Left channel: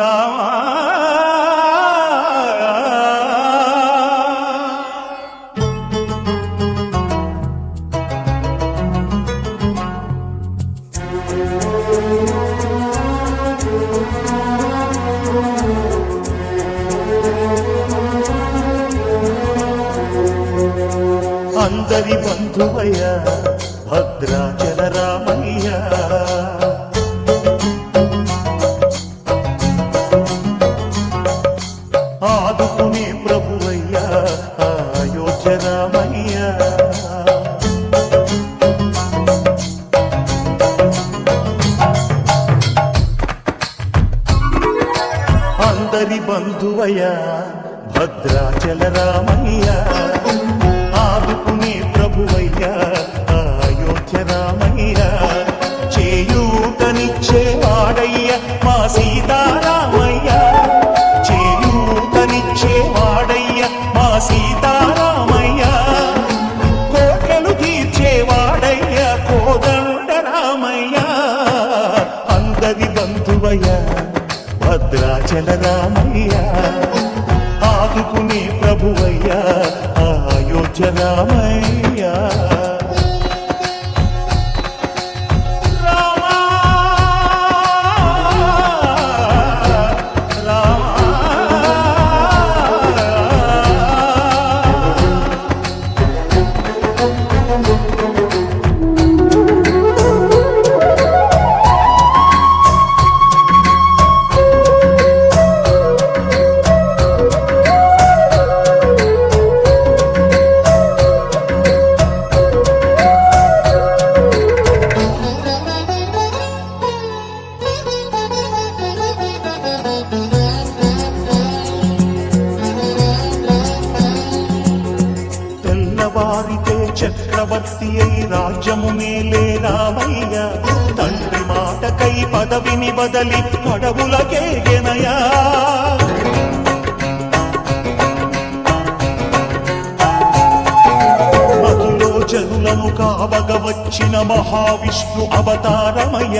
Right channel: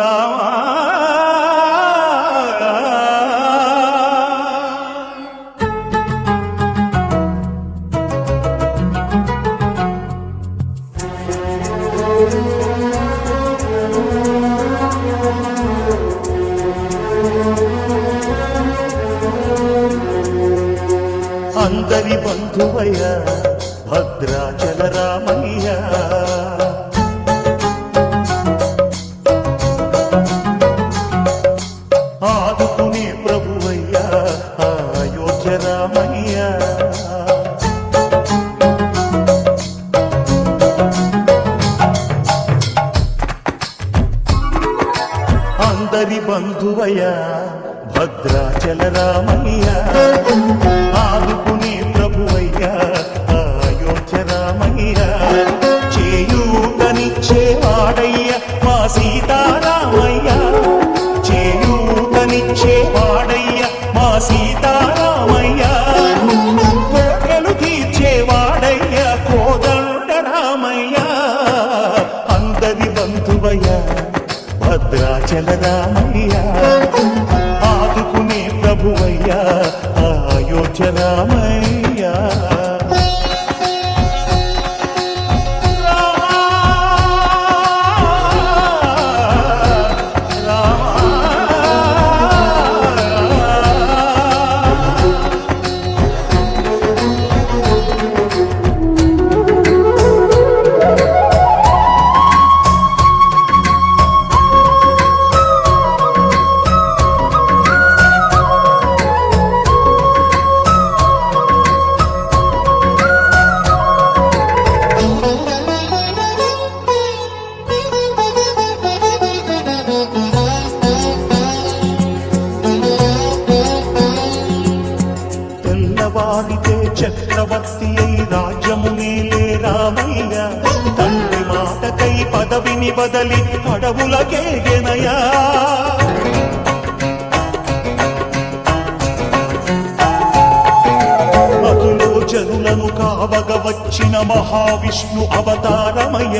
రామా అందరి బంధువయ్య భద్రాచల రామయ్య ఆదుకునే ప్రభువయ్య అయోధ్య రామయ్య అందరి బంధువయ్య భద్రాచల రామయ్య ఆదుకునే ప్రభువయ్య అయోధ్య రామయ్య చేయూతనిచ్చేవాడయ్య మా సీతారామయ్య చేయూతనిచ్చేవాడయ్య మా సీతారామయ్య కోర్కెలు తీర్చేవాడయ్య కోదండ రామయ్య అందరి బంధువయ్య భద్రాచల రామయ్య ఆదుకునే ప్రభువయ్య అయోధ్య రామయ్య వారితే చక్రవర్తి అయి రాజ్యమునేలే రామయ్య తండ్రి మాటకై పదవిని బదలి అడవులకేగెనయా మధులో జనులను కావగ వచ్చిన మహావిష్ణు అవతారమయ్య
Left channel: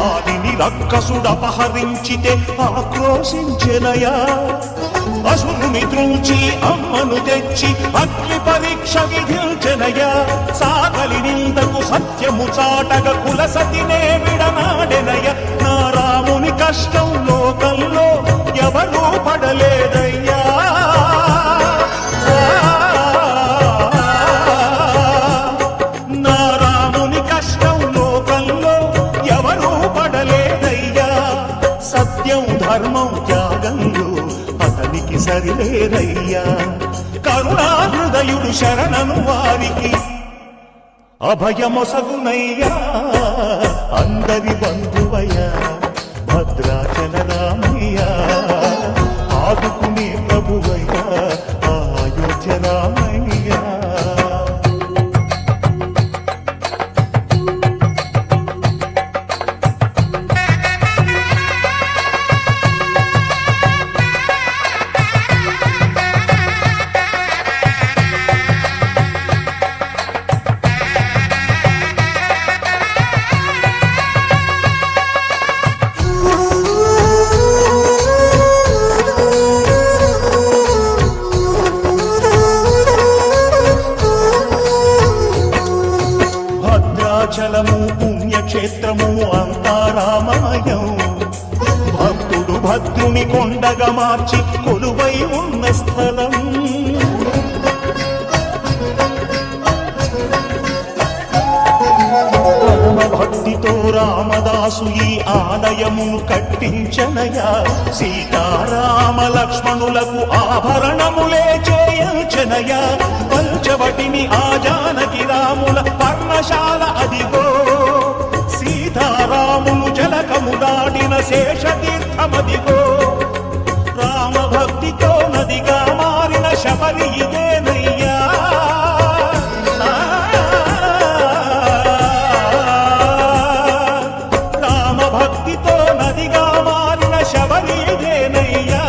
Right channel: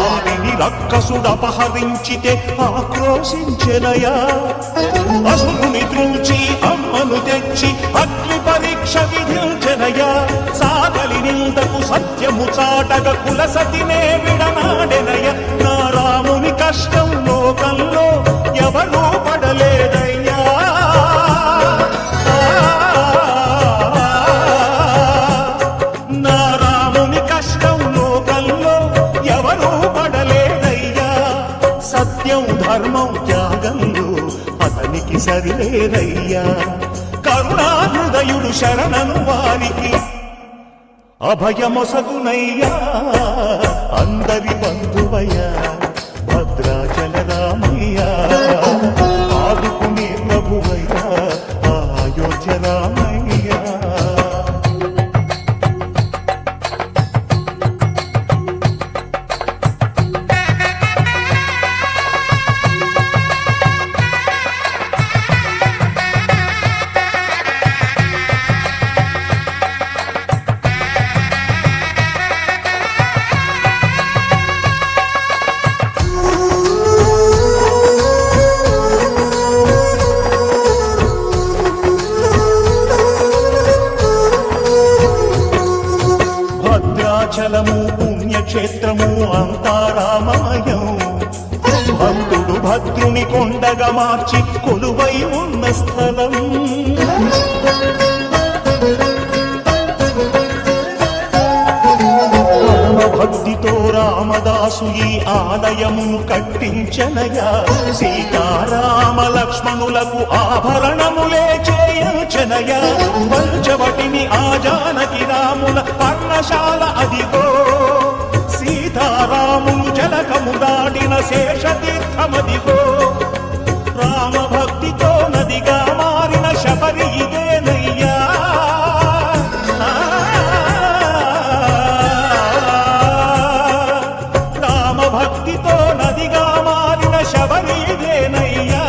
ఆదిని రక్కసుడపహరించితే ఆక్రోశించెనయా అసురుని త్రుంచి అమ్మను తెచ్చి అగ్ని పరీక్ష విధించెనయా సాగలి నిందకు సత్యము చాటగ కుల సతినే విడనాడెనయ నా రాముని కష్టం లోకంలో ఎవరూ పడలేదయ్యా నా రాముని కష్టం లోకంలో ఎవరూ పడలేదయ్యా సత్యం ధర్మం త్యాగంలో అతనికి సరిలేరయ్యా కరుణా హృదయుడు శరణను వారికి అభయమొసగునయ్యా అందరి బంధువయ్య భద్రాచల రామయ్య ఆదుకునే ప్రభువయ్య అయోధ్య రామయ్య భద్రాచలము పుణ్యక్షేత్రము అంతా రామమయం భక్తుడు భద్రుని కొండగా మార్చి కొలువై ఉన్న స్థలం భక్తితో రామదాసు ఈ ఆలయమును కట్టించనయా సీతారామ లక్ష్మణులకు ఆభరణములే చేయించనయా పంచవటిని ఆ జానకి రాముల పర్ణశాల అదిగో సీతారాములు జలకము దాడిన శేషతీర్థమదిగో రామ భక్తితో నదిగా మారిన శబరి ఇదేనయ్యా భక్తితో నదిగా మారిన శబరిదేనయ్యా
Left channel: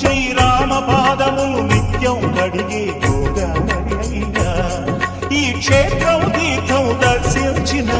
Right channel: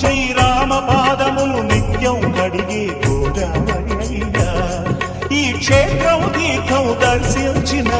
శ్రీరామ పాదములు నిత్యం కడిగే గోదావరి అయ్యా ఈ క్షేత్రం తీర్థం దర్శించిన